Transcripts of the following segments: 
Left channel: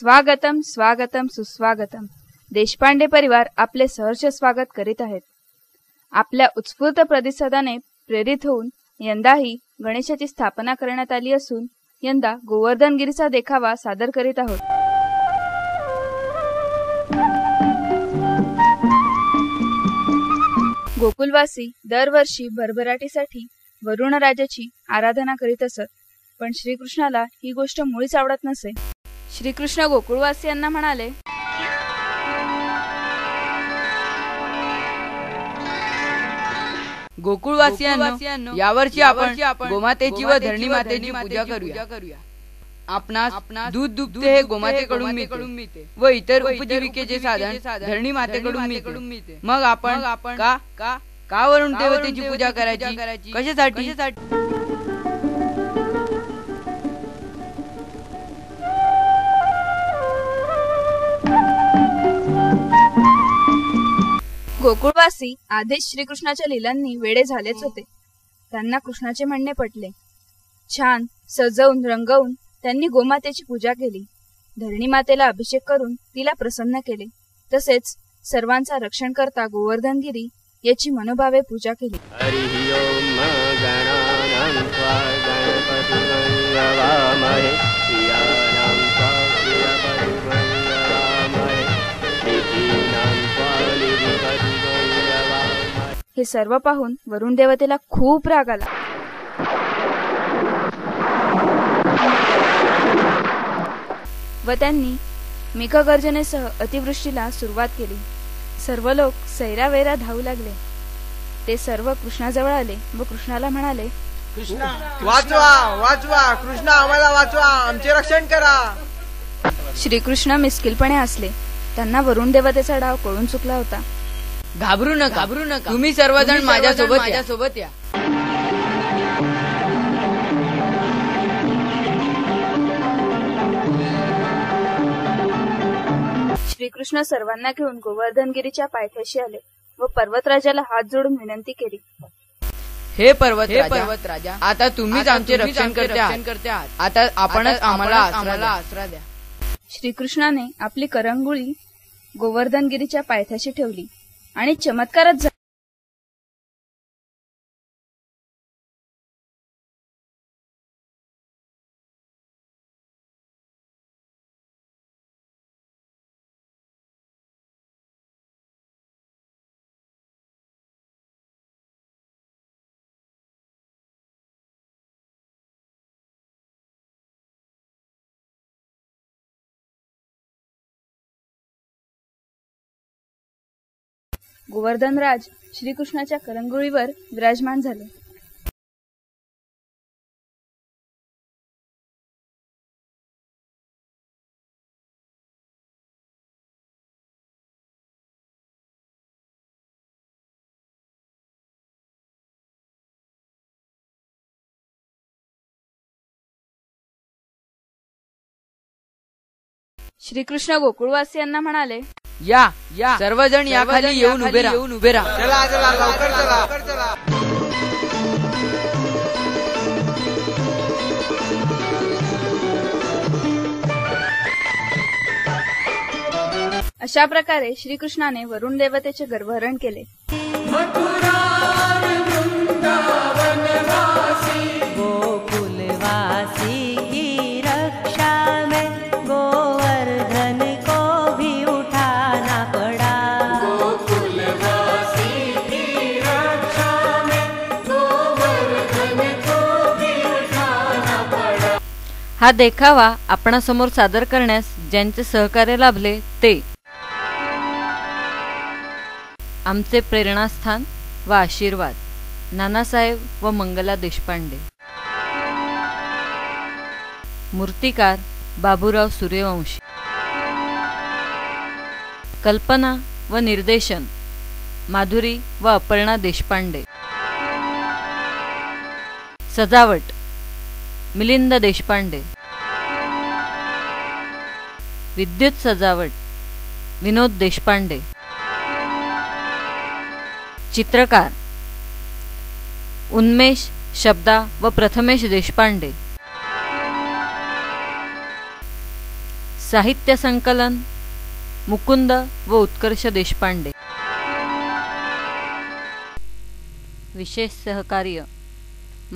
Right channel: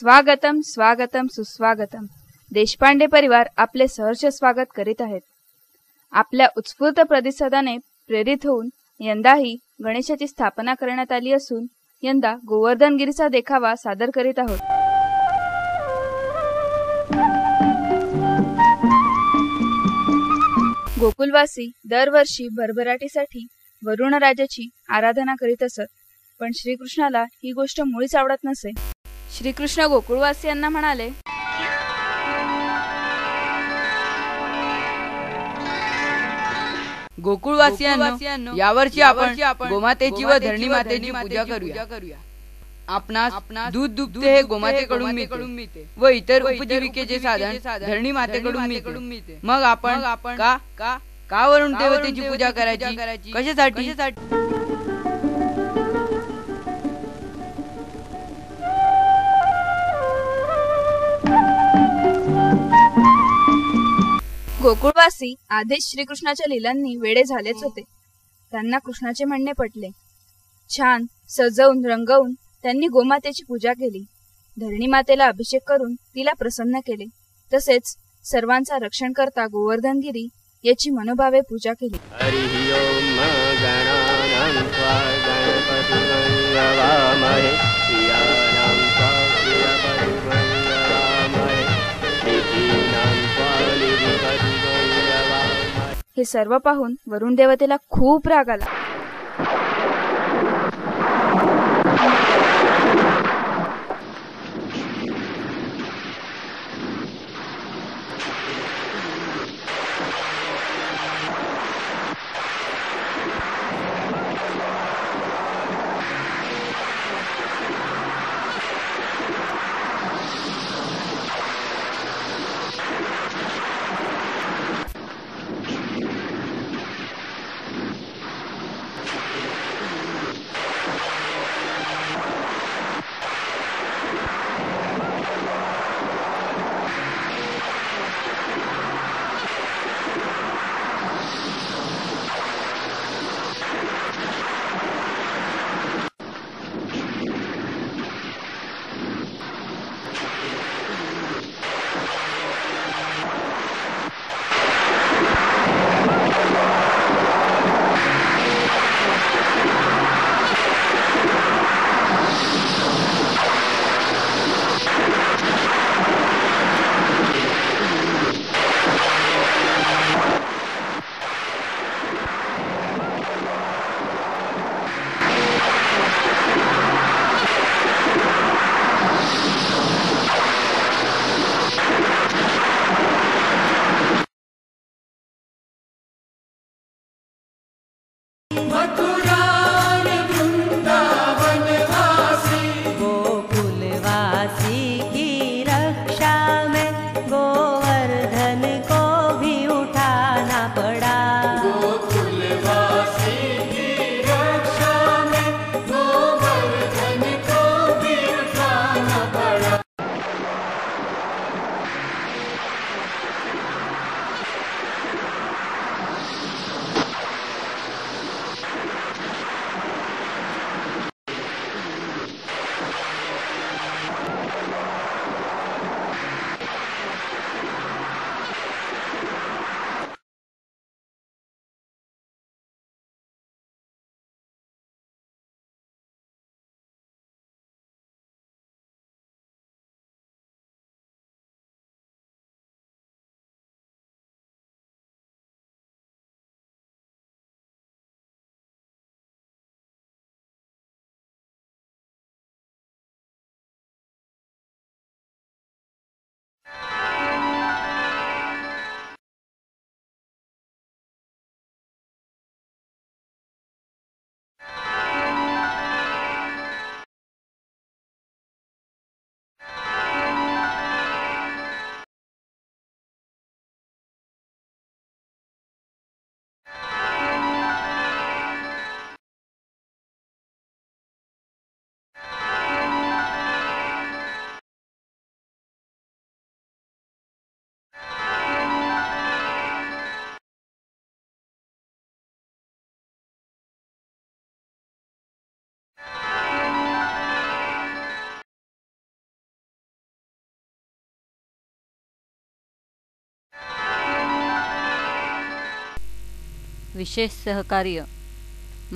स्वागतम स्वागतम सुस्वागतम. देशपांडे परिवार आपले सहर्ष स्वागत करीत आहेत. आपल्या उत्स्फूर्त प्रतिसादाने प्रेरित होऊन यंदाही गणेशाची स्थापना करण्यात आली असून यंदा गोवर्धनगिरीचा देखावा सादर करीत आहोत. गोकुलवासी दरवर्षी भरभराटीसाठी वरुण राजाची आराधना करीत असत, पण श्रीकृष्णाला ही गोष्ट मुळीच आवडत नसे. श्रीकृष्ण गोकुळवासियांना म्हणाले, गोकुळवासियांनो, यावर्षी आपण गोमातेची व धरणी मातेची पूजा करूया. आपणास दूध दुभते हे गोमातेकडून मिळते व इतर उपजीविकेचे साधन धरणी मातेकडून मिळते. मग आपण का वरुण देवतेची पूजा करायची? कशासाठी? गोकुळवासी आधीच श्रीकृष्णाच्या लीलांनी वेडे झालेच होते. त्यांना कृष्णाचे म्हणणे पटले. छान सजवून रंगवून त्यांनी गोमातेची पूजा केली. धरणी मातेला अभिषेक करून तिला प्रसन्न केले. तसेच सर्वांचा रक्षण करता गोवर्धनगिरी याची मनोभावे पूजा केली. हे सर्व पाहून वरुण देवतेला खूप राग आला. व त्यांनी मेघगर्जनेसह अतिवृष्टीला सुरुवात केली. सर्व लोक सैरावैरा धावू लागले. ते सर्व कृष्णाजवळ आले व कृष्णाला म्हणाले, वाचवा कृष्णा, आम्हाला वाचवा, आमचे रक्षण करा. श्रीकृष्ण मिस्किलपणे हसले. त्यांना वरुण देवतेचा डाव कळून चुकला होता. घाबरू नका, तुम्ही सर्वजण माझ्या सोबत या. श्रीकृष्ण सर्वांना घेऊन गोवर्धनगिरीच्या पायथ्याशी आले व पर्वतराजाला हात जोडून विनंती केली, हे पर्वत राजा, आता तुम्हीच आमचे रक्षण करते. आता आपणच आम्हाला आसरा द्या. श्रीकृष्णाने आपली करंगुळी गोवर्धनगिरीच्या पायथ्याशी ठेवली आणि चमत्कारच झाला. गोवर्धनराज श्रीकृष्णाच्या करंगुळीवर विराजमान झाले. गोकुलवासी की रक्षा में गोवर्धन को भी उठाना पड़ा. गोकुलवासी की रक्षा में गोवर्धन को भी उठाना पड़ा. श्रीकृष्ण गोकुळवासियांना म्हणाले, या सर्वजण या खाली येऊन उभे राहा. चला लवकर चला. अशा प्रकारे श्रीकृष्णाने वरुण देवतेचे गर्भहरण केले. गोकुलवासी की रक्षा में गोवर्धन को भी उठाना पड़ा. गोकुलवासी की रक्षा में गोवर्धन को भी उठाना पड़ा. हा देखावा आपणासमोर सादर करण्यास ज्यांचे सहकार्य लाभले ते आमचे प्रेरणास्थान व आशीर्वाद नानासाहेब व मंगला देशपांडे. मूर्तिकार बाबूराव सूर्यवंशी. कल्पना व निर्देशन माधुरी व अपर्णा देशपांडे. सजावट मिलिंद देशपांडे. विद्युत सजावट विनोद देशपांडे. चित्रकार उन्मेष शब्दा व प्रथमेश देशपांडे. साहित्य संकलन मुकुंद व उत्कर्ष देशपांडे. विशेष सहकार्य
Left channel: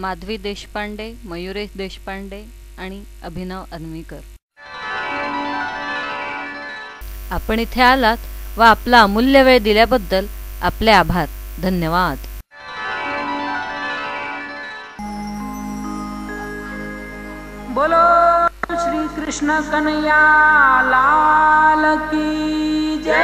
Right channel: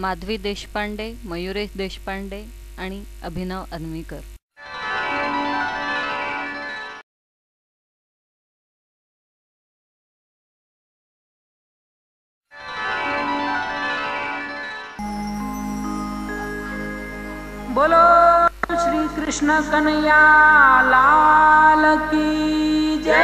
माधवी देशपांडे, मयुरेश देशपांडे आणि अभिनव अन्वीकर. आपण इथे आलात व आपला अमूल्य वेळ दिल्याबद्दल आपले आभार. धन्यवाद. बोलो श्री कृष्ण कन्हैया लाल की जय.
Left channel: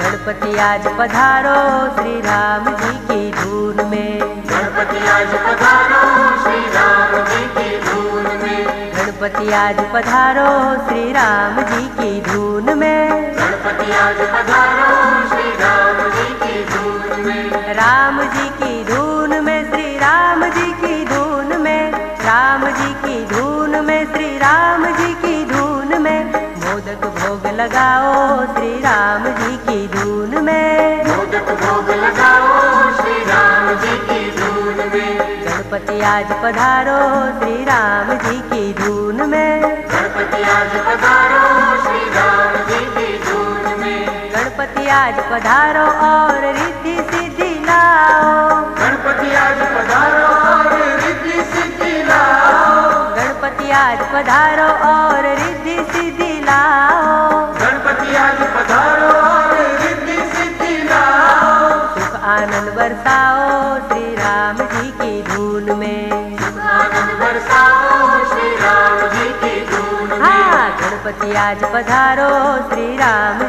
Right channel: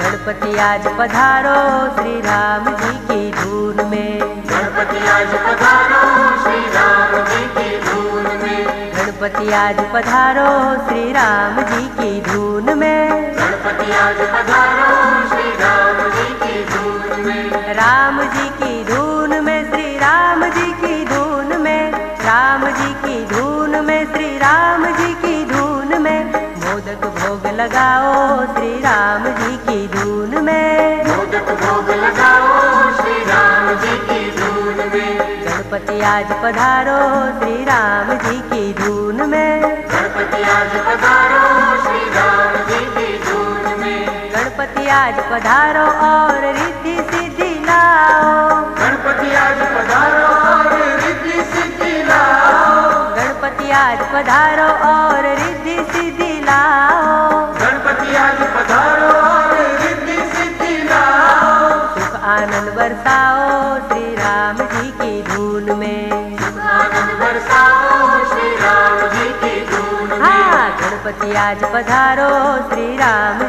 गणपति आज पधारो श्री राम जी की धून में. गणपति आज पधारो श्री राम जी की धून में. गणपति आज पधारो श्री राम जी की धून में. गणपति आज पधारो श्री राम जी की धून में. राम जी की धून में श्री राम जी की धून में. राम जी की धून में श्री राम जी की धून में. मोदक भोग लगाओ श्री राम जी की धून में. मोदक भोग लगाओ श्री राम जी की धून में. गणपति आज पधारो श्री राम जी की धून में. गणपति आज पधारो श्री राम जी की धून में. गणपति आज पधारो और रिद्धि सिद्धि लाओ. गणपति आज पधारो और रिद्धि सिद्धि लाओ. गणपति आज पधारो और रिद्धि सिद्धि लाओ. गणपति आज पधारो और रिद्धि सिद्धि लाओ. सुख आनंद बरसाओ श्री राम जी की धून में. सुख आनंद बरसाओ श्री राम जी की धून में. हाँ, गणपति आज पधारो श्री राम